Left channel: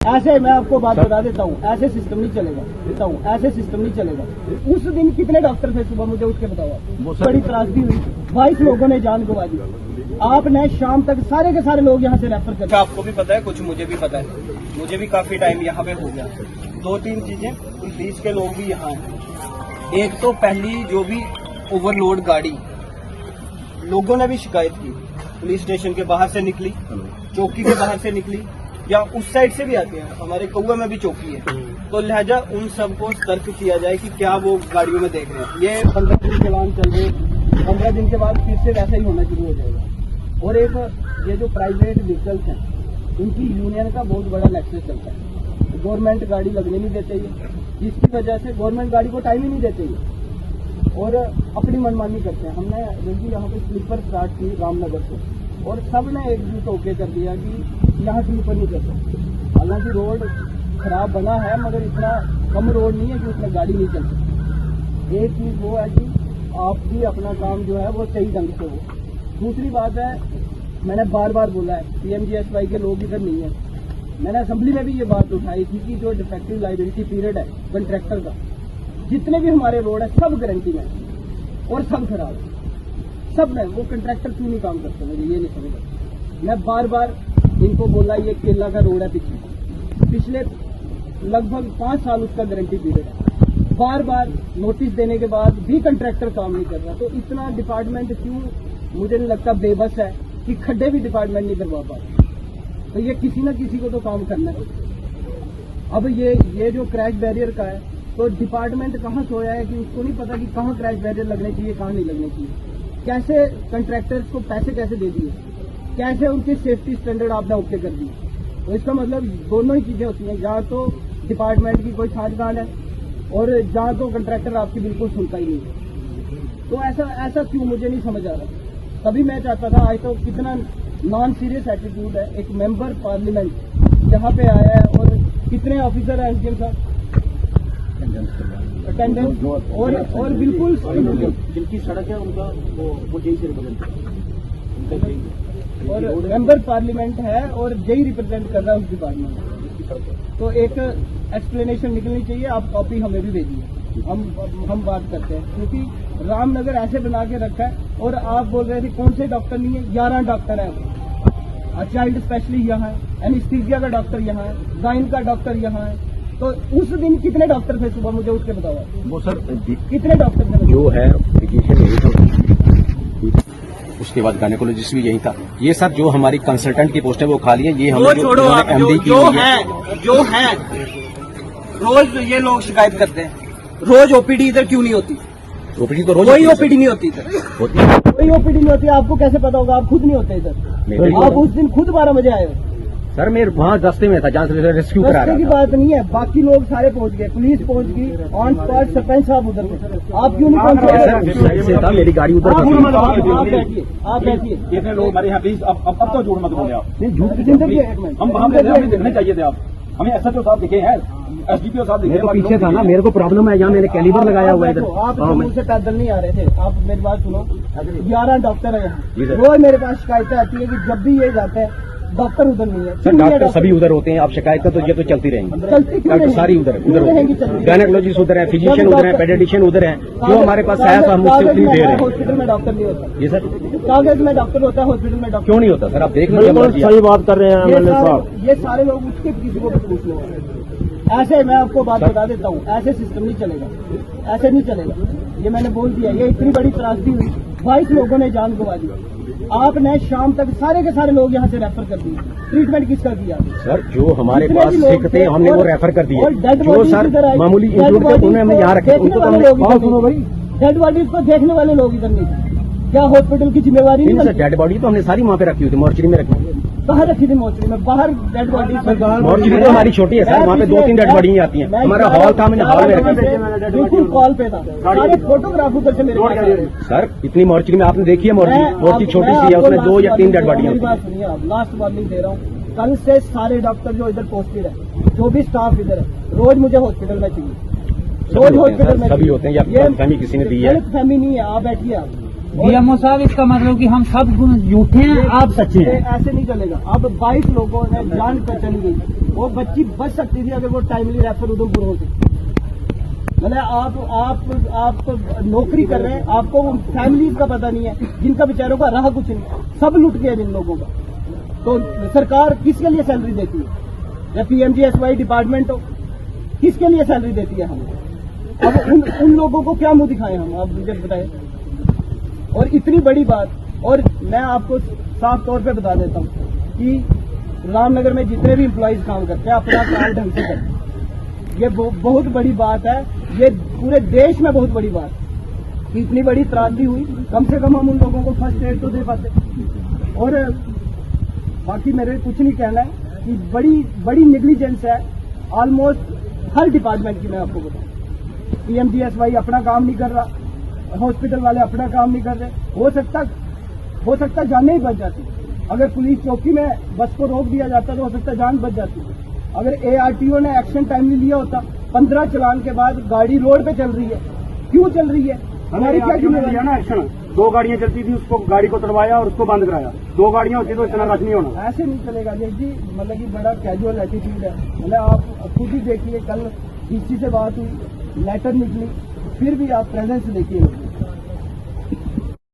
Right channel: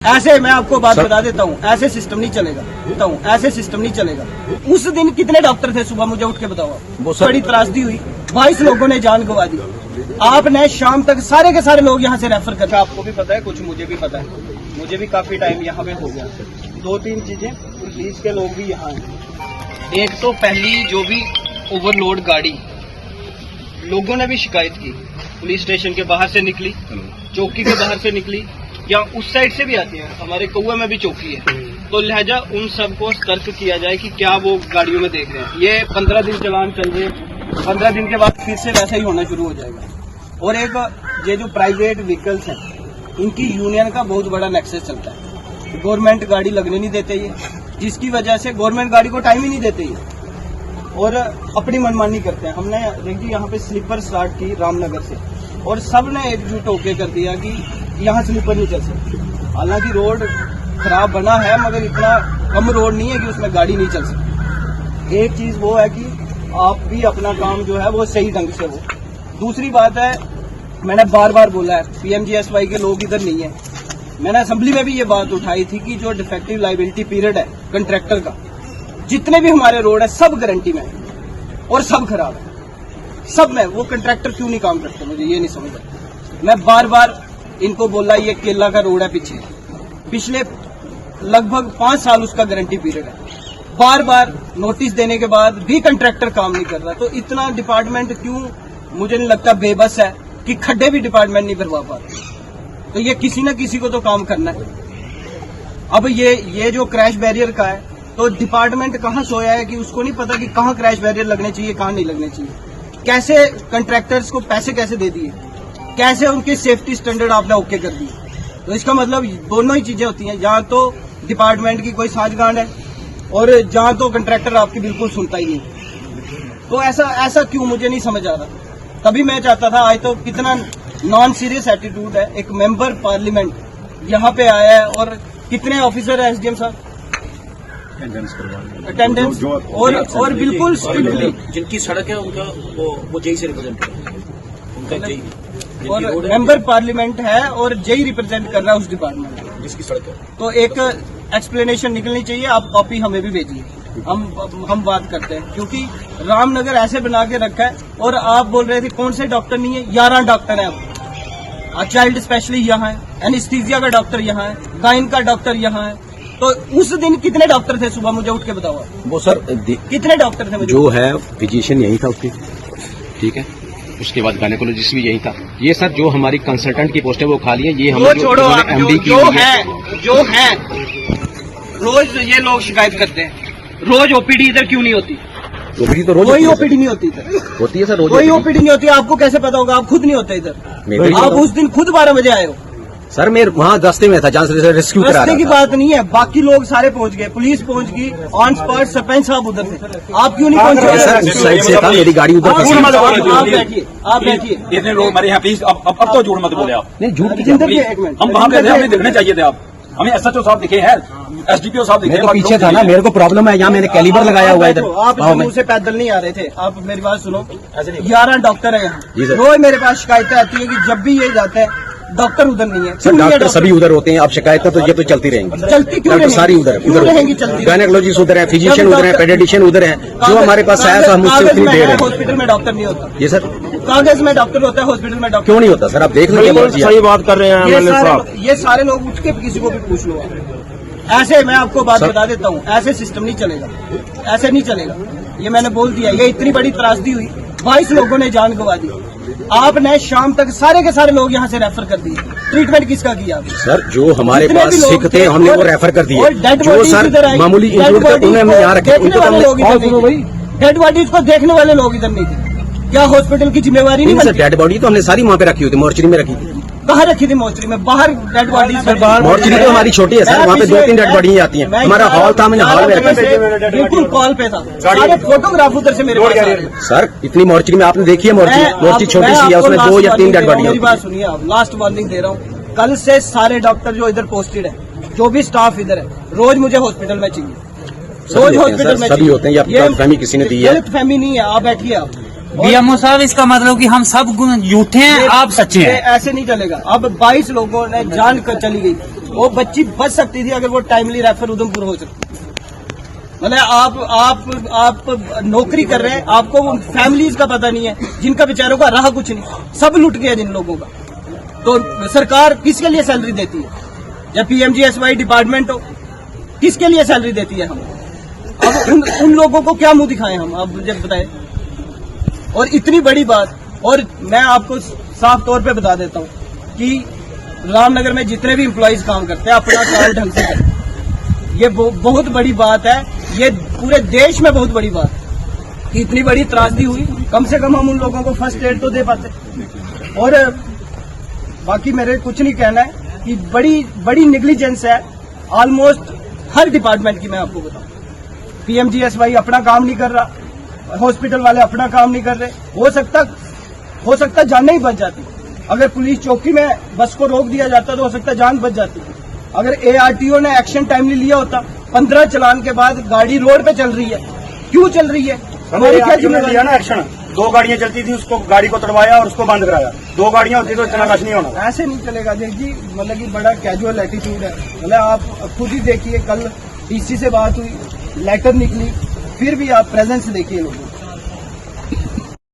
ऐसे मैं आपको बात बता देता हूँ, ऐसे सिस्टम नहीं चलेगा। ऐसे सिस्टम नहीं चलेगा। उस दिन कितने डॉक्टर थे सुबह, मुझे उठ के बताओ। बड़ी त्रासदी हुई, 22 लोगों ने जान गंवा दी। आपने शाम तक सारे के सारे लोग यहाँ से रेफर कर। आपको भी पता है, कुछ मुझे भी पता है। मुझे भी काफी टाइम यहाँ पे हो गया। 2-3 चीजें, पुलिस के लोग भी यहाँ हैं। एक तो पहली जो भी ओवरलोड गाड़ी, लोगों ने भी शिकायत की, पुलिस स्टेशन के बाहर से निकली, चौकी के बाहर से निकली, या उस साइड से भी आती है। हमारे कौआ में भी चौकी है, तो लिहाजा उन सबको सतर्क किया जाए कि क्या वो गाड़ियों में देख रहे हैं। ये 15 दिन चलान चल रहे, 15 दिन के बाद फिर से वैसा ही होना शुरू हो जाएगा। और एक ये जो प्राइवेट व्हीकल्स हैं, इनकी यूनियन का बहुत बड़ा नेक्सस चलता है। गवर्नमेंट गाड़ी लगने नहीं देते ये, जिसकी वजह से गवर्नमेंट गाड़ी को टाइम ही नहीं देते ये, और अपनी मनमानी करते हैं। हमने देखिए यहाँ पे स्लीपर स्टार्ट की रामनगर से, और सब ने एकजुट होकर कर दिया कि यहाँ स्लीपर नहीं चल सकती। हालांकि रोड खराब बना है, मगर इतना कम रोड नहीं है कि उसमें गाड़ी नहीं चल सकती। एक चीज वो है कि आप भी अपना काम जो है वो सही ढंग से हो। दूसरी बात है, मैंने बार बार बोला है, PMGSY के लोग इधर नहीं है। मैंने असेंबली में भी ये बात उठाई थी कि जो डिफेक्टिव लायबिलिटी पीरियड है कंट्रैक्टर का, जितने भी हमारे रोड है सब गारंटी में है और सब खराब है। सब में वो कंट्रैक्टर क्यों नहीं काम करते, मुझे ये नहीं समझ आता। मैं बार बार इनको बोला, ये केला का रोड है, पिछले लगभग 5 साल उसका गारंटी पीरियड है। बार बार नोटिस देने के बाद भी कंट्रैक्टर काम नहीं कर रहा। तो इतना डिपार्टमेंट क्यों, मुझे नहीं लगता, बेबस है कि खड्डे भी डिपार्टमेंट नहीं भरवा पाते। तो ये किसी न किसी को तो काम करना है। अब ये जो क्रैश बैरियर का है, तो डिपार्टमेंट कहाँ सोया है कि उसको नहीं पता कि कहाँ क्रैश बैरियर लगने चाहिए, कहाँ नहीं लगने चाहिए। कैसे कंट्रैक्टर्स को पैसे कैसे दे दिए, कैसे उनके सेफ्टी स्टैंडर्ड आपने ओके कर दिए। तो इसका मतलब दोनों ही चीजें होती हैं, जहाँ तो डिपार्टमेंट की कोई साझगांठ है और जहाँ तो कंट्रैक्टर आपकी बिल्कुल सुनता ही नहीं। तो ऐसा क्यों, मुझे नहीं समझ आ रहा। तभी मैं चाहता था, आज तो कितना नॉन सीरियस एटीट्यूड है। एक मेंबर पार्लियामेंट यहाँ पे आया है और कितने ऑफिसर है SDM साहब, अटेंडेंस और बिल्कुल स्ट्रिक्टली जिनकी सड़क है उनका वो जेई से रिप्रेजेंट है, उनका जेई, और मेंबर पार्लियामेंट है और जेई रिप्रेजेंट कर रहा है उस डिपार्टमेंट जिसकी सड़क है। तो एक एक्सप्लेनेशन निकलनी चाहिए। आप कॉपी हमें भी भेजिए, हम बात करते हैं। क्योंकि रामनगर ऐसे बना के रखा है, और आप बोल रहे थे कौन से डॉक्टर नहीं है, 11 डॉक्टर है। अब चाइल्ड स्पेशलिस्ट यहाँ है, एनेस्थीसिया का डॉक्टर यहाँ है, गाइन का डॉक्टर यहाँ है। तो उस दिन कितने डॉक्टर थे सुबह, मुझे उठ के बताओ। वो सर कितने डॉक्टर थे? मुझे जो है फिजिशियन यही था, ठीक है, उसके बाद गायनेकोलॉजिस्ट भी यही था। ये सर जो हमारी कंसल्टेंट की पोस्ट है वो खाली है। ये हम MD की जो है रोज ये लोग शिकायत करते हैं, रोज OPD इधर क्यों नहीं होती? OPD तो रोज कोई OPD नहीं होती इधर, होती है, कोई OPD नहीं होती। आपको कैसे पता होगा? आप खुद नहीं होते इधर। आप उस दिन खुद 12 बजे आए हो। सर मैं वहाँ रास्ते में था जहाँ से रेस्क्यू करा रहा था। रास्ते की बात नहीं है, बाकी लोग सारे पहुँच गए, पुलिस पहुँच गई, ऑन स्पॉट सरपंच साहब उधर थे। आप क्यों नहीं पहुँचे? सर उस साइड से था, मेरी गाड़ी उधर। आप बैठिए। इतने लोग हमारे यहाँ प्लीज, अब तो झूठ मत बोले आप। नहीं झूठ की एक मिनट, हम वहाँ पे हमें दिखने चाहिए थे। आप हमें SHO साहब दिखे हैं, SDPO साहब दिखे, पीछे था ना। मेरे को प्रॉब्लम है, यहाँ मैंने कैलिबर लगाया हुआ है इधर। आप जम्मू से पैदल नहीं आ रहे थे। आप मेरी बात सुनो, 11 डॉक्टर है जी यहाँ। सर। रोज मेरे पास शिकायतें आती है कि जब भी ये जाते हैं डॉक्टर उधर नहीं है। सर डॉक्टर सभी उधर होते हैं। अब शिकायतें तो ये तो चलती रहेंगी, चलती क्यों रहेंगी? सारी उधर रहेंगी, चलती। गायनेकोलॉजिस्ट उधर है, फिजिशियन उधर है, पेडियाट्रिशियन उधर है। जो हमारे पास आया तो हम उससे फ्री दे रहे हैं। हॉस्पिटल में डॉक्टर नहीं होता। ये सर कागज में डॉक्टर होता है, हॉस्पिटल में डॉक्टर क्यों नहीं होता सर? आप देख लीजिए। सही बात कर रहे हैं ये सारे लोग उठ के किसी को भी पूछ लो। ऐसे मैं आपको बात बता देता हूँ, ऐसे सिस्टम नहीं चलेगा, ऐसे नहीं चलेगा। ये मैंने बोल दिया। ये इतनी बड़ी त्रासदी हुई, 22 लोगों ने जान गंवा दी। आपने शाम तक सारे के सारे लोग यहाँ से रेफर कर दिए। ट्रीटमेंट किसका किया? सर जो हमारे पास सिख थे हमने वो रेफर कर दिए। जो सर मामूली इंजर्ड थे उन्हें हमने यहाँ रखे। देखने वाले लोग इधर नहीं थे, डेड बॉडीज को देखने वाले लोग इधर नहीं थे। क्या हॉस्पिटल की जिम्मेवारी नहीं बनती? डेड बॉडी तो हमने सारी वहाँ पे रखी हुई थी, मोर्चरी में रखी। कहाँ रखी थी? मोर्चरी में। बाहर डेड बॉडी, मोर्चरी तो हमारी छोटी है सर, वहाँ पे 2-3 डेड बॉडी आती है। हमारा हॉल था, मैंने हॉल में रखी। बिल्कुल कॉल पे था, सारे फोटोग्राफ उधर से मेरे पास आ रहे हैं। सर इतनी मोर्चरी में आपने देखी है? मोर्चरी छोटी सी है, उसमें 2 या 3 डेड बॉडी। मेरी बात सुनिए, आप लास्ट वार्निंग दे रहा हूँ। कल से सारे डॉक्टर जो इधर पोस्टेड है, जो भी स्टाफ इधर है, रोज मुझे हॉस्पिटल में चाहिए। रोज हॉस्पिटल में सभी होते हैं। ये फहमी किसी ने दी है, गलत फहमी नहीं है। आप बैठिए। आप BMO साहब, इसका मतलब कि हम सब झूठे हैं, आप सच्चे हैं। ऐसे नहीं चलेगा। अब 22 लोगों ने जान कर चली गई, वो बच्ची बच सकती थी अगर वो टाइमली रेफर उधमपुर हो सकती। मतलब आप नौकरी कर रहे हैं, आपको वो फैमिलीज का पता नहीं है, जिनका बेचारों का रहा कुछ नहीं, सब लुट गया जिन लोगों का। तो सरकार किसके लिए सैलरी देती है? या PMGSY डिपार्टमेंट हो, किसके लिए सैलरी देती है हम? अब उन लोगों को क्या मुंह दिखाएं हम, अब मुझे बताएं। और इतनी बड़ी बात, और मैं आपको साफ तौर पे बता देता हूं कि रामनगर में जितने भी एम्प्लॉइज काम करते हैं अपना काम ढंग से करते हैं। ये बहुत बड़ी बात है, ये पूरे देश में बहुत बड़ी बात है कि इतनी बड़ी त्रासदी हुई, कम से कम हम उन लोगों को फर्स्ट एड तो दे पाते। और बाकी मेरे कुछ नहीं कहना है कि बड़ी निग्लिजेंस है ऑलमोस्ट हर डिपार्टमेंट की। मैं आपको बताऊं, PMGSY अपना काम नहीं कर रहा, हॉस्पिटल वाले अपना काम नहीं कर रहे। हो सकता जाने ही बच जाती। अगर पुलिस चौकी में बस को रोक दिया जाता तो हो सकता जान बच जाती। अगर ARTO ने एक्शन टाइमली लिया होता, 15 चलान के बाद गाड़ी रोड पे चल रही है, क्यों चल रही है? हमारी क्या जिम्मेदारी लिया ना एक्शन? 2 गाड़ियां चलती थी, उसको गाड़ी को तोड़वाया और उसको बंद कराया। 2 गाड़ियां होती तो इतना रश नहीं होना। ऐसे नहीं चलेगा देख जी, मतलब कि बड़ा कैजुअल एटीट्यूड है। मतलब आप खुद ही देखिए, कल DC से बात हुई, लेटर निकली, फिर भी आप प्रेजेंस देखिए लोग।